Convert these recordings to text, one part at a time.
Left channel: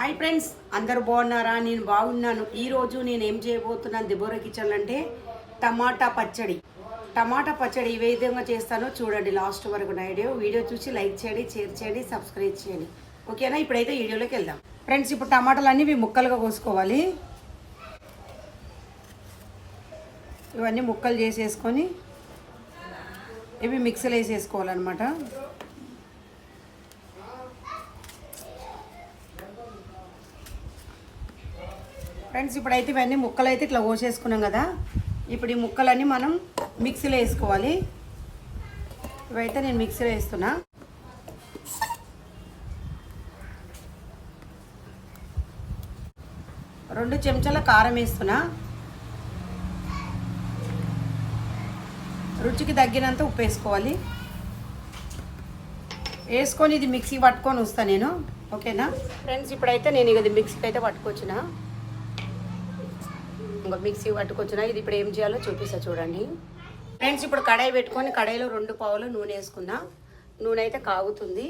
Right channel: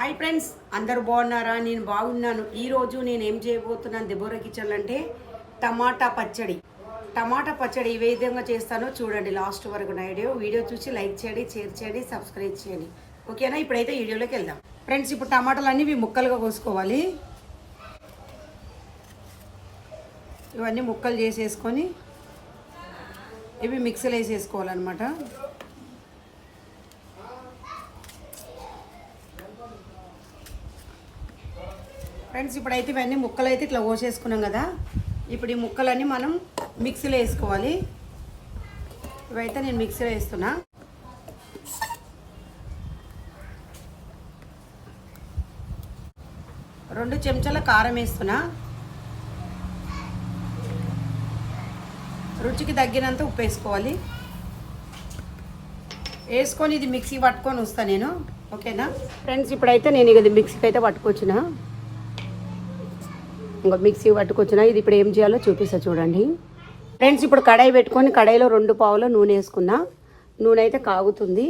Hi friends అందరు బాగున్నారా? నేను బాగున్నాను. ఈరోజు నేను ఏం చేయబోతున్నాను దిబోరా కిచెన్ అంటే టమాటా పచ్చడి. టమాటా పచ్చడి ఏ విధంగా చేస్తానో చూడండి. లాస్ట్ వరకు నా వీడియో. వీడియో చూసి లైక్ చేయండి షేర్ చేయండి సబ్స్క్రైబ్ చేయండి. ఓకేనా? ఇప్పుడైతే వీడియోలోకి వెళ్దాం. ఫ్రెండ్స్ ఇప్పుడు టమాటాలు అన్నీ ముక్కలుగా కోసుకోవాలి. ఇవన్నీ ముక్కలు చేసేసుకొని ఇవి మిక్సీలో వేసేసుకోవాలన్నమాట. ఫ్రెండ్స్ ఇప్పుడైతే ఇవన్నీ ముక్కలు అయితే ఇట్లా కోసేసుకున్నాం కదా. ఇప్పుడు ఈ ముక్కలన్నీ మనం మిక్సీలో వేసుకోవాలి. ఇవైతే నేను మిక్సీలో వేస్తున్నా. రెండు చెంచాల కారం వేస్తున్నా. రుచికి తగ్గినంత ఉప్పు వేసుకోవాలి. వేసుకొని ఇది మిక్సీ పట్టుకొని వస్తాను నేను. ఓకేనా? ఫ్రెండ్స్ ఇప్పుడైతే నేను ఇది మిక్సీకి అయితే పట్టుకొచ్చినా. ఇంకా మిక్సీ పట్టుకొచ్చిన? ఇది ఇప్పుడు ఏం చేయాలో చూపిస్తా చూడండి. ఫ్రెండ్స్ ఇప్పుడు కడాయి పెట్టుకొని కడాయిలో రెండు పావుల నూనె వేసుకున్నా. నూనె అయితే కాగుతుంది.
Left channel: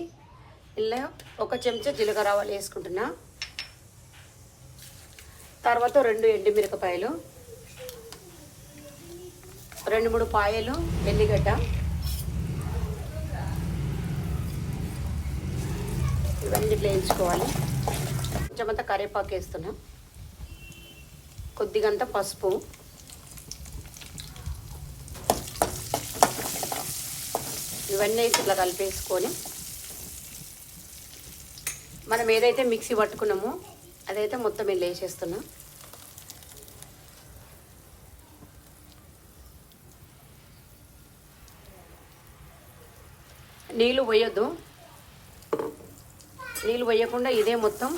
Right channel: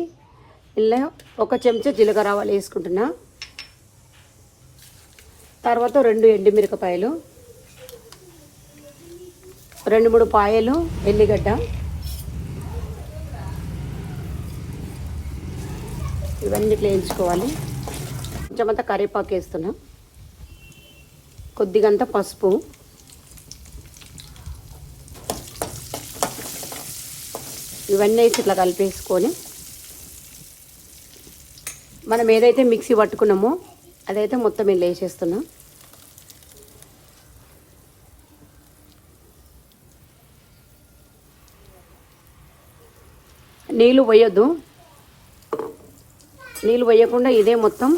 ఇలా ఒక చెంచా జీలకర్ర ఆవాలు వేసుకుంటున్నా. తర్వాత రెండు ఎండుమిరపకాయలు. రెండు మూడు పాయలు ఎల్లిగడ్డ. ఇవన్నీ ఇట్లా వేయించుకోవాలి. కొంచెం అంతా కరివేపాకు వేస్తున్నాం. కొద్దిగంత పసుపు. ఇవన్నీ వేసి ఇట్లా కలిపేసుకొని మనం ఏదైతే మిక్సీ పట్టుకున్నామో అదైతే మొత్తం ఇల్లు వేసేస్తున్నాం. నీళ్ళు పోయొద్దు. నీళ్ళు పోయకుండా ఇదే మొత్తం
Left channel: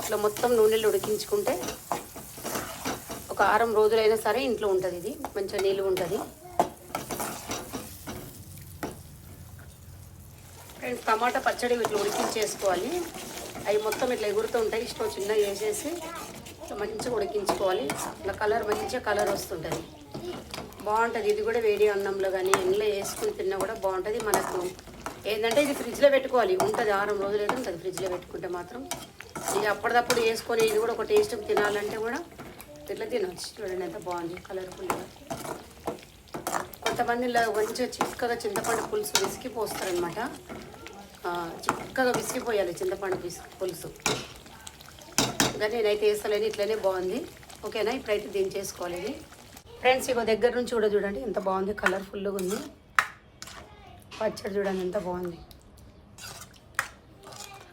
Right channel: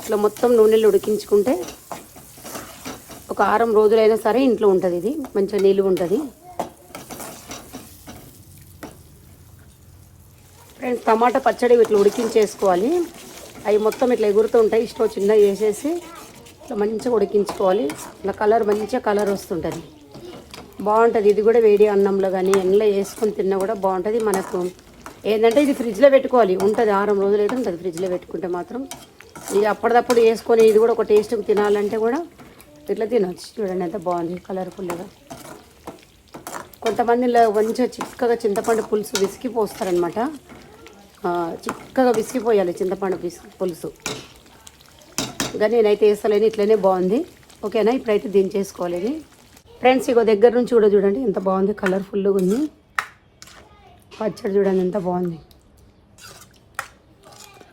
ఇట్లా మొత్తం నూనెలు ఉడికించుకుంటే ఒక ఆరం రోజులైనా సరే ఇంట్లో ఉంటుంది ఇది. మంచిగా నీళ్ళు ఉంటుంది. ఫ్రెండ్స్ టమాటా పచ్చడి ఇట్లా ఉడికించేసుకోవాలి. అవి మొత్తం ఇట్లా ఎగురుతూ ఉంటాయి. ఇష్టం చిన్నగా వేసేసి ఇట్లా మంచిగా ఉడికించుకోవాలి. ఇట్లా కలర్ మంచిగా కలర్ వస్తుంటుంది. బాగుంటుంది. ఇది కూడా వేడి అన్నంలో కానీ ఎండలో వేసుకొని తిన్నా కూడా బాగుంటుంది. మనకు ఏంటంటే ఇది ఫ్రిడ్జ్లో పెట్టుకోవాలి. ఉంటుంది. ఆరం రోజులు అయితే ఉంటుంది. ఫ్రిడ్జ్లో పెట్టుకుంటే మాత్రం. ఇది అప్పటిదప్పుడు వేసుకొని ఇది కూడా ఒక టేస్ట్ తినాలంటే కూడా ఇట్లా తినొచ్చు. చూడండి ఎంత బాగుంది కలర్ఫుల్గా కొంతమంది ఇలా మంచిగా చిక్కగా చింతపండు పులుసు విసికి పోస్తారనమాట చిక్కగా విసిగిపోయాలి చింతపండు పిసి పులుసు. ఇంకా నేనైతే వేస్తలేను ఇట్లనే బాగుంది. ఓకేనా? ఇప్పుడైతే దించేసుకోవాలి ఇది. ఫ్రెండ్స్ ఇగో దగ్గర నుంచి కూడా చూడండి ఎంత బాగుంది కలర్ఫుల్గా ఉంది. పచ్చడి చూడండి ఎంత బాగుంది.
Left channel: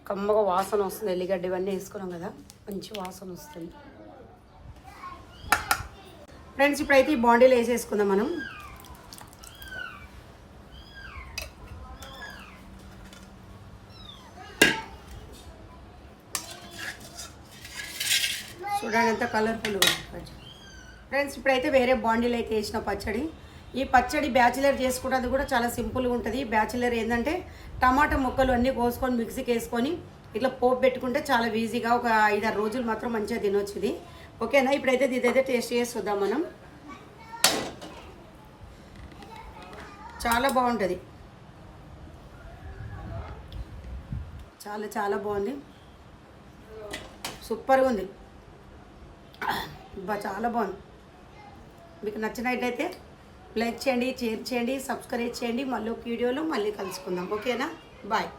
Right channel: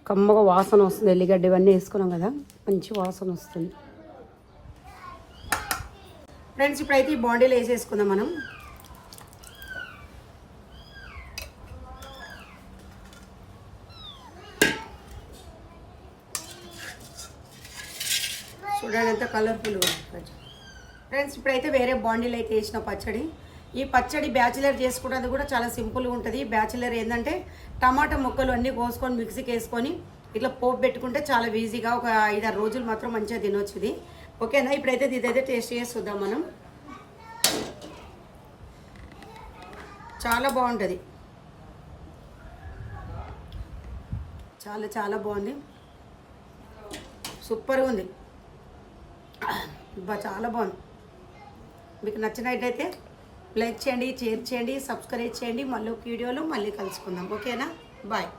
కమ్మగా వాసన వస్తుంది ఎల్లిగడ్డ ఇవన్నీ వేసుకున్నాం కదా మంచి వాసన వస్తుంది. ఫ్రెండ్స్ ఇప్పుడైతే ఈ బాండీలో వేసేసుకుందాం మనం. చూడండి ఎంత కలర్ఫుల్గా ఫ్రెండ్స్ ఇప్పుడైతే వేరే బాండీలు అయితే వేసిన పచ్చడి. ఈ పచ్చడి బ్యాచిలర్ చేసుకోవడానికి కూడా చాలా సింపుల్గా ఉంటుంది. బ్యాచిలర్ ఏంటంటే టమాటా ముక్కలు అన్నీ కోసుకొని మిక్సీకి వేసుకొని ఇట్లా పోపు పెట్టుకుంటే చాలా ఈజీగా ఒక ఐదారు రోజులు మాత్రం మంచిగా తినొచ్చు ఇది. ఓకేనా? ఇప్పుడైతే ఇదైతే టేస్ట్ చేసి చూద్దాం మనం. చాలా బాగుంటుంది. చాలా చాలా బాగుంది. సూపర్గా ఉంది. బా చాలా బాగుంది. మీకు నచ్చినట్టయితే లైక్ చేయండి షేర్ చేయండి సబ్స్క్రైబ్ చేయండి. మళ్ళీ ఒక వీడియోలో మళ్ళీ కలుసుకుందాం. ఓకేనా? బాయ్.